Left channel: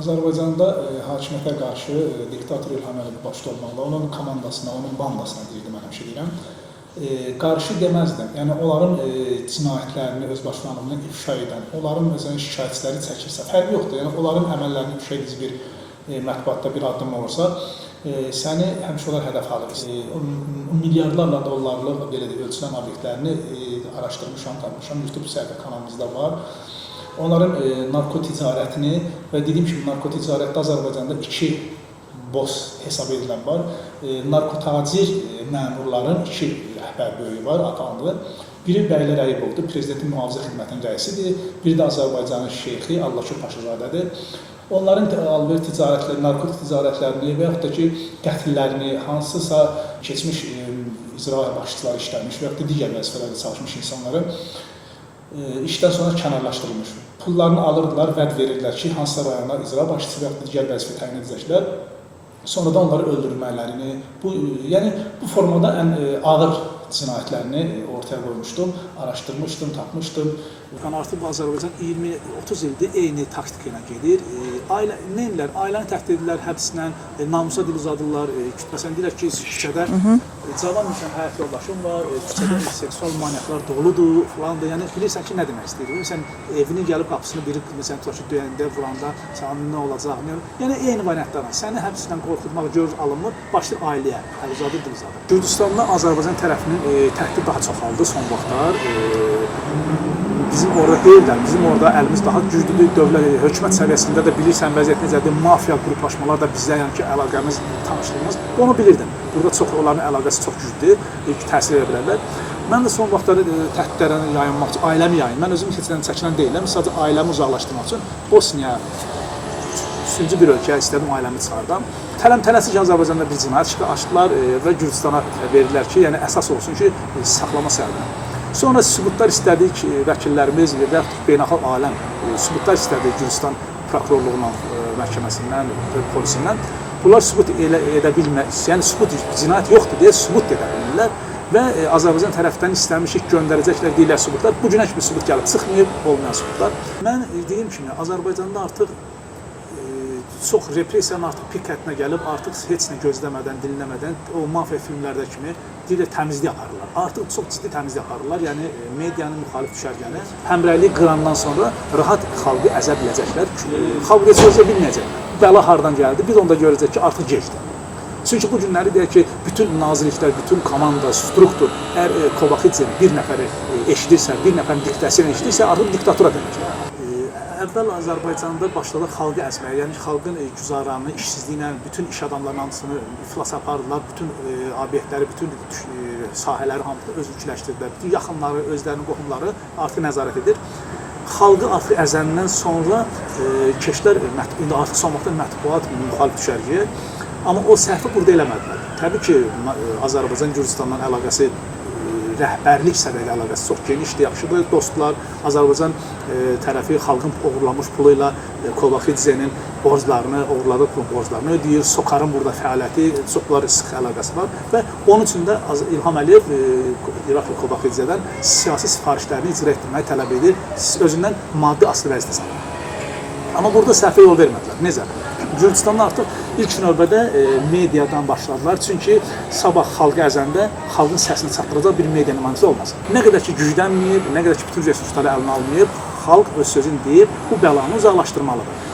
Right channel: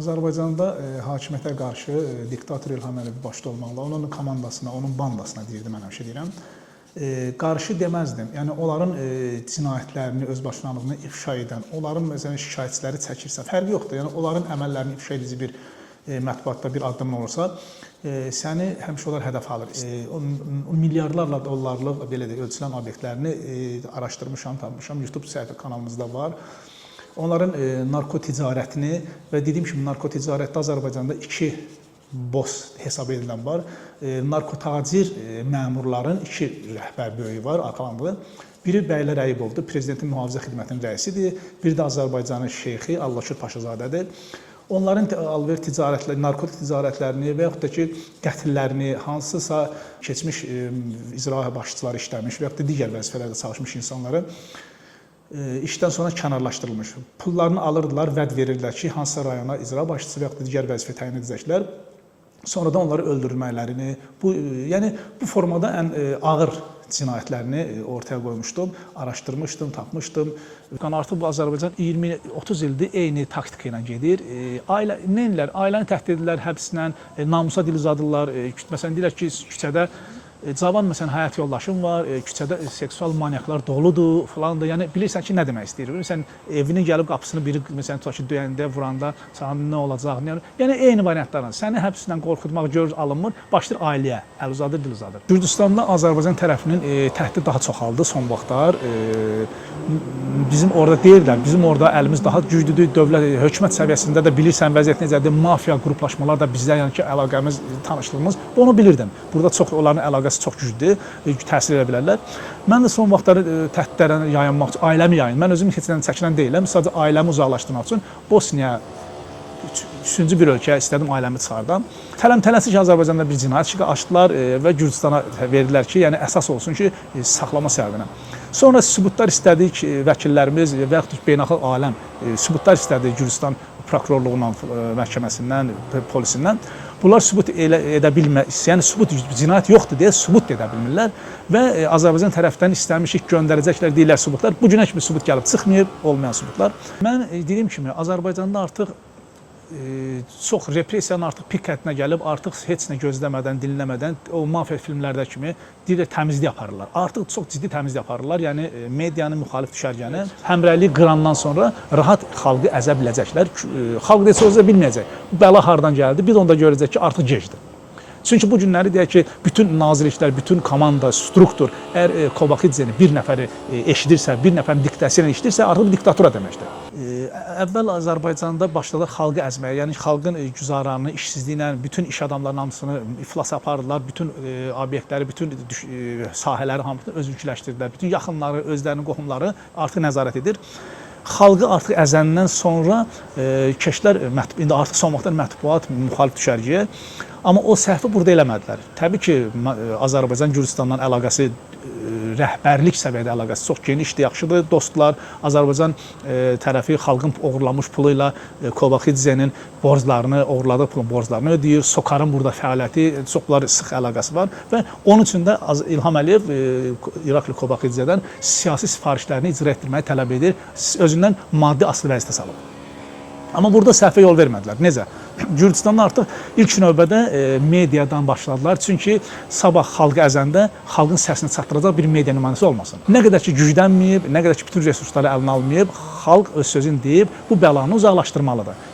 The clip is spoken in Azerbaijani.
Azərbaycanda hakimiyyətə qarşı diktator İlham Əliyev başda olmaqla, onun komandasına, onun bandasına deyirdim, mən həmişə deyirəm, qarşı deməzdim. Yəni, onların cinayətlərini, özbaşlarlığını ifşa edən, onların məsələn şikayətçiləri çəkirsə, fərqi yoxdur. Yəni, onların əməllərini ifşa edici bir mətbuatda bir addım olursa, səni həmişə onlar hədəf alır. Milyardlarla dollarlıq belə də ölçülən obyektlərini araşdırmışam, tanımışam, YouTube səhifə kanalımızda var. Onların narkoticarətini və dediyim kimi narkoticarətdə Azərbaycanda iki boss hesab edilən var. Narkotacir məmurların iki rəhbər böyüyü var, atanlı. Biri Bəylər Əyibovdur, Prezidentin Mühafizə Xidmətinin rəisidir. Biri də Azərbaycanın şeyxi Allahşur Paşazadədir. Onların alver ticarətləri, narkotik ticarətlərini və yaxud da ki, qətillərini, hansısa keçmiş icra başçıları işləmiş və yaxud da digər vəzifələrdə çalışmış insanları işdən sonra kənarlaşdırılmış. Pullarını alırdılar, vəd verirdilər ki, hansısa rayona icra başçısı və yaxud da digər vəzifə təyin edəcəklər. Sonra da onları öldürmələrini, yəni bu formada ən ağır cinayətlərini ortaya qoymuşdum, araşdırmışdım, tapmışdım. Artıq bu Azərbaycan 20-30 ildir eyni taktika ilə gedir. Neyirlər? Ailəni təhdid edirlər, həbslə, namusa dil uzadırlar. Məsələn, deyirlər ki, küçədə cavan məsələn, həyat yoldaşım var, küçədə seksual manyaklar doludur, falandır. Yəni, bilirsən ki, nə demək istəyir? Məsələn, evinin gəlib qapısını biri, məsələn, tutaq ki, döyəndə, vuranda, sana nə olacaq? Yəni, eyni variantlarla. Səni həbslə qorxutmaq görür alınmır, başlayır ailəyə, əl uzadır, dil uzadır. Gürcüstanla Azərbaycan tərəfinin təhdid daha çoxaldı son vaxtlar. Bizim orada deyirlər, bizim orada əlimiz daha güclüdür, dövlət, hökumət səviyyəsində də bilirsən vəziyyət necədir, mafiya qruplaşmalar da bizdə, yəni ki, əlaqəmiz, tanışlığımız, onu bilirdim. Burada onların əlaqəsi çox güclüdür, təsir edə bilərlər. Mən də son vaxtları təhdidlərə yayınmaq üçün, ailəmi yayın. Mən özüm keçindən çəkilən deyiləm, sadəcə ailəmi uzaqlaşdırmaq üçün Bosniya, üçüncü bir ölkə istədim ailəmi çıxardım. Tələm-tələsik Azərbaycanda bir cinayət açdılar və Gürcüstana verdilər ki, yəni əsas olsun ki, saxlama səbəbinə. Sonra sübutlar istədik vəkillərimiz və yaxud beynəlxalq aləm sübutlar istədik Gürcüstan prokurorluğundan, məhkəməsindən, polisindən. Bunlar sübut edə bilməz, yəni sübut cinayət yoxdur deyə sübut edə bilmirlər və Azərbaycan tərəfdən istəmişik göndərəcəklər deyirlər sübutlar. Bu günə kimi sübut gəlib çıxmayıb, olmayan sübutlar. Mən dediyim kimi Azərbaycanda artıq çox repressiyanın artıq pik hədinə gəlib, artıq heç nə gözləmədən, dinləmədən o mafiya filmlərdə kimi deyirlər təmizlik aparırlar. Artıq çox ciddi təmizlik aparırlar. Yəni medianın müxalif düşərgəni həmrəylik qırandan sonra rahat xalqı əzə biləcəklər. Xalq da sözə bilməyəcək. Bəla hardan gəldi? Biz onda görəcək ki, artıq gecdir. Çünki bu günləri deyək ki, bütün nazirliklər, bütün komanda, struktur, əgər Kovaxidzeni bir nəfəri eşidirsə, bir nəfərin diktəsi ilə eşidirsə, artıq diktatura deməkdir. Əvvəl Azərbaycanda başladı xalqı əzməyə, yəni xalqın güzaranını, işsizliyinə, bütün iş adamlarının hamısını iflasa apardılar, bütün obyektləri, bütün sahələri hamısını özülküləşdirdilər, bütün yaxınları, özlərinin qohumları artıq nəzarət edir. Xalqı artıq əzəndən sonra keçdilər, indi artıq son vaxtlar mətbuat, müxalif düşərgəyə, amma o səhvi burada eləmədilər. Təbii ki, Azərbaycan Gürcüstanla əlaqəsi rəhbərlik səviyyədə əlaqəsi çox genişdir, yaxşıdır. Dostlar, Azərbaycan tərəfi xalqın oğurlanmış pulu ilə Kovaxidzenin borclarını, oğurladığı pul borclarını ödəyir. Sokarın burada fəaliyyəti, çoxları sıx əlaqəsi var və onun üçün də İlham Əliyev İraqlı Kovaxidzedən siyasi sifarişlərini icra etdirməyi tələb edir, özündən maddi asılı vəzifə salır. Amma burada səhvə yol vermədilər. Necə? Gürcüstanda artıq ilk növbədə mediadan başladılar. Çünki sabah xalqı əzəndə xalqın səsini çatdıracaq bir media nümayəndəsi olmasın. Nə qədər ki güclənməyib, nə qədər ki bütün resursları əlinə almayıb, xalq öz sözünü deyib, bu bəlanı uzaqlaşdırmalıdır.